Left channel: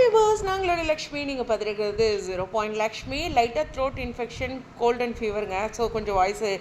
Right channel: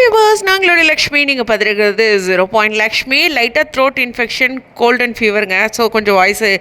Viewers, நாங்களுடைய Lakshmi. நீங்கள் பார்த்துருக்கிறது 0 லக்ஷ்மி. லைட்டாக throat infection, cold and ஃபீவருங்க. ஸோ கொஞ்சம் வாய்ஸு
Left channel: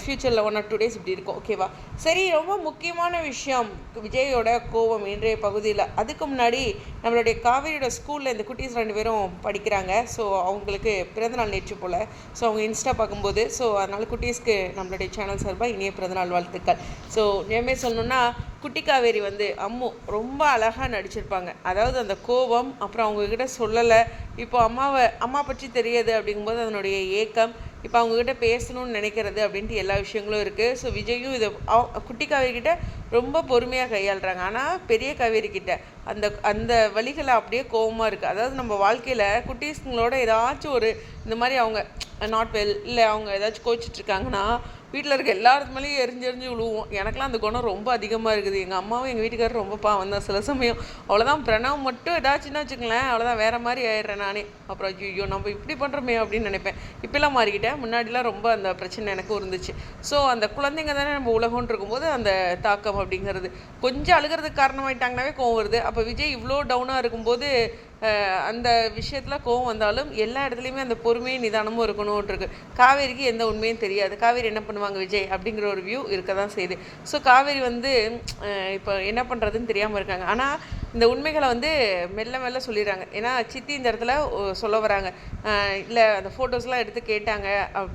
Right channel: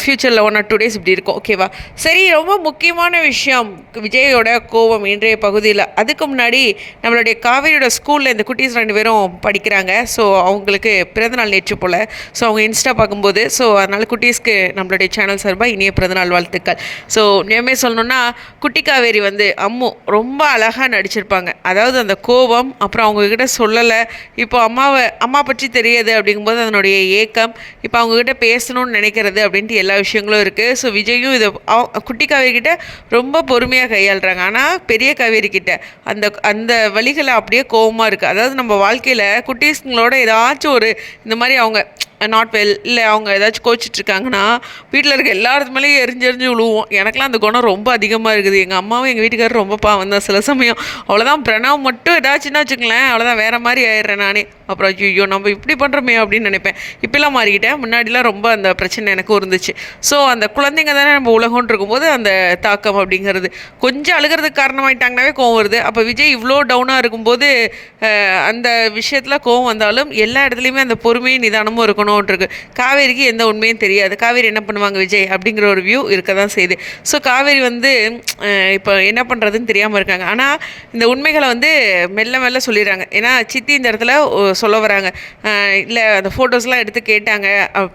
ஃப்யூச்சரில் 1 or 2 days இப்படி இருக்கும். ஓகேவா? சரி, ரொம்ப முக்கியமான விஷயம் விஜயோட கோவம் இன்றைய பகுதியில். அதுக்கு முன்னாடி நம்மளுடைய காவேரியோட ஸ்கூலில் இந்த குட்டீஸ் 2 பேரும் படிக்கிறாங்க. ஸோ அவங்களுக்கு பிறந்தநாள் நேற்று போல். ஸோ அவங்க இன்ஸ்டா பார்க்கும்போது, ஸோ அதனால் குட்டீஸ்க்கு நம்மளுடைய சேனல் சார்பாக இனிய பிறந்தநாள் வாழ்த்துக்கள். ஸோ நியமே சொல்லணுன்னா, குட்டி காவேரி வந்து அம்மு ரொம்ப அழகாக நடிச்சிருப்பாங்க. அதாவது அந்த கோவம், அப்புறம் அவங்கக்கிட்ட சொல்லலை, இப்போ அம்மா பற்றி தெரியுது அப்படிங்கும்போது அதனுடைய ஏக்கம், இப்போ அவங்கக்கிட்ட பேசணும்னு நினைக்கிறது அப்படின்ட்டு எல்லா விஷயங்களும் இருக்குது. ஸோ விஜயும் இதை குட்டி காவேரிக்கிட்ட ரொம்ப பொறுமையாக கையாளுறாங்க. ஆனால் பெரிய காவேரிக்கிட்ட அந்த அந்த வழிகளை அப்படியே கோவமாக இருக்குது. அதாவது நம்ம வாழ்க்கையில் குட்டீஸுங்களோட ஏதாச்சும் ஒரு இந்த மாதிரி அவங்க நாட் வெல், இல்லை அவங்க ஏதாச்சும் கோச்சிட்ருக்காங்கன்னா வீட்டில் இருக்க எல்லாத்து மேலேயும் எரிஞ்செறிஞ்சு விழுவோம். எனக்குலாம் அந்த குணம் ரொம்ப அதிகமாக இருக்குது. எங்கள் அம்மாவும் எங்கள் வீட்டுக்காரரும் ரொம்ப பாவம் தான் சில சமயம். அவ்வளோதான், பிரணவ் மட்டும் ஏதாச்சுன்னா வச்சுங்களேன், அவ்வளோதான் வேறு மாதிரி ஆயிடுறேன் நானே. அப்புறம் ஐயோ நம்ம இப்படி பண்ணுறோமே அப்படின்னு நினைப்பேன். இப்போலாம் மாறிக்கிட்டேன். முன்னாடிலாம் ரொம்ப அந்த பிரச்சனை எனக்கும் இருந்துச்சு. ஸோ அந்த குழந்தைங்க தானே நம்ம உலகம்னு இருக்கும்போது அந்த தாக்கம் அப்படிங்கிறது கொஞ்சம் அழுகிறதுக்கு காரணமாயிட்டாங்கனாவே கோவம் வருது. அப்போ விஜய் இவ்வளோ டவுனாக இருக்கும்போது அந்த விஷயத்தில் கோவம் வந்தாலும் எல்லா இடத்துலையுமே அந்த பொறுமையும் நிதானமும் இருக்கணும் இருக்கு. காவேரிக்கு எந்த உண்மையும் தெரியாது. காவேரி என்ன பண்ணுவாங்க விஜய் அப்படிங்கிற ஒரு வியூ இருக்க தான் செய்யுது. ஸோ காவேரி வந்து இப்போ என்ன பண்ணுறதுன்னு தெரியாமல் இருக்காங்க. ஆனால் இந்த உண்மைகளை வந்து மெல்ல மெல்ல சொல்லிடுறாங்க. ஏன்னா சித்தி இந்த இடத்துல சொல்ல வராங்க, இல்லை அந்த ஃபோட்டோஸ்லாம் எடுத்து கேட்டாங்க,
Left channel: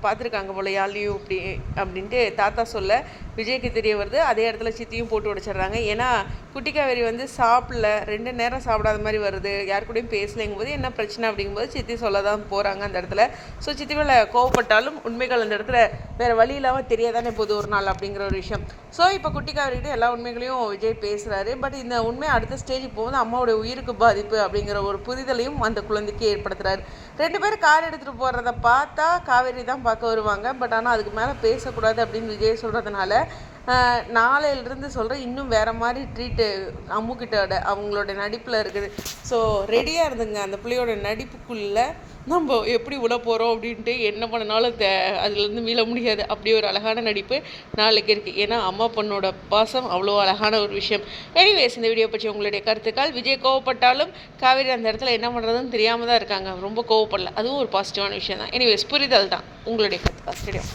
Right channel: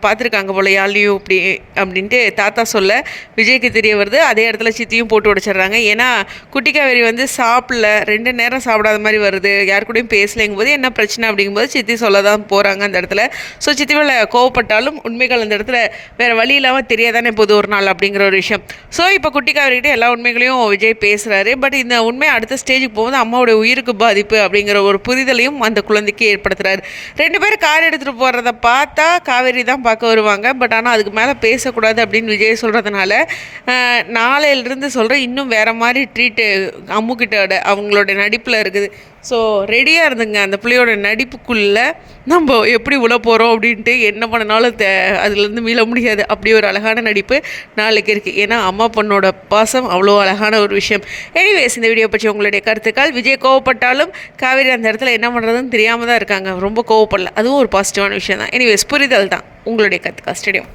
பார்த்துருக்காங்க போல யாழ்லையும் இப்படி அப்படின்ட்டு தாத்தா சொல்ல விஜய்க்கு தெரிய வருது. அதே இடத்துல சித்தியும் போட்டு உடைச்சிட்றாங்க. ஏன்னா குட்டி காவேரி வந்து சாப்பிடல, 2 நேரம் சாப்பிடாத மாதிரி வருது, யார் கூடயும் பேசலைங்கும் போது என்ன பிரச்சனை அப்படிங்கும்போது சித்தி சொல்ல தான் போகிறாங்க அந்த இடத்துல. ஸோ சித்தி கோவப்பட்டாலும் உண்மைகள் அந்த இடத்துல வேறு வழி இல்லாமல் தெரியாதானே போது ஒரு நாள் அப்படிங்கிற ஒரு விஷயம். ஸோ இப்போ குட்டி காவேரிகிட்ட எல்லா உண்மைகளையும் விஜய் பேசுகிறாரு. பட் இந்த உண்மை அடுத்த ஸ்டேஜுக்கு போகும்போது அம்மாவோட உயிருக்கு பாதிப்பு அப்படிங்கிற ஒரு புரிதலையும் அந்த குழந்தைக்கு ஏற்படுத்துகிறாரு. 2 பேரும் கார் எடுத்துகிட்டு போகிறத பார்த்தா காவேரி தான் பார்க்க வருவாங்க. பட் ஆனால் அதுக்கு மேலே பேசக்கூடாது அப்படின்னு விஜய் சொல்கிறதுனால நாளையிலிருந்து சொல்கிறேன், இன்னும் வேறு மாதிரி ட்ரீட்டு அம்முக்கிட்ட அவங்களோட நடிப்பில் இருக்குது. ஸோ ரெடியாக இருந்துங்க, அந்த பிள்ளையோட நடிப்புக்குள்ளே நம்ம எப்படி உள்ள போகிறோம் அப்படின்ட்டு என்ன பண்ணனாலும் அதுலேருந்து மீள முடியாது. அப்படி ஒரு அழகான நடிப்பு நாளைக்கு இருக்குது. ஏன்னா அம்மா பொண்ணோட பாசம் அவ்வளோ அழகான ஒரு விஷயம். எனிவேஸ், இந்த வீடியோ பற்றி உங்களுடைய கருத்துக்கள். விஜய் கோவப்பட்டாலும் காவேரி அந்த இடத்துல என்ன பண்ணுறதுன்னு தெரியாமல் தான் இருக்காங்க. ரொம்ப கோவப்படல, அதுவும் ஒரு பாசிட்டிவான விஷயம் தான். எனிவேஸ், புரிதல் தான். உங்களுடைய கருத்துக்கள். ஸ்டேடியம்.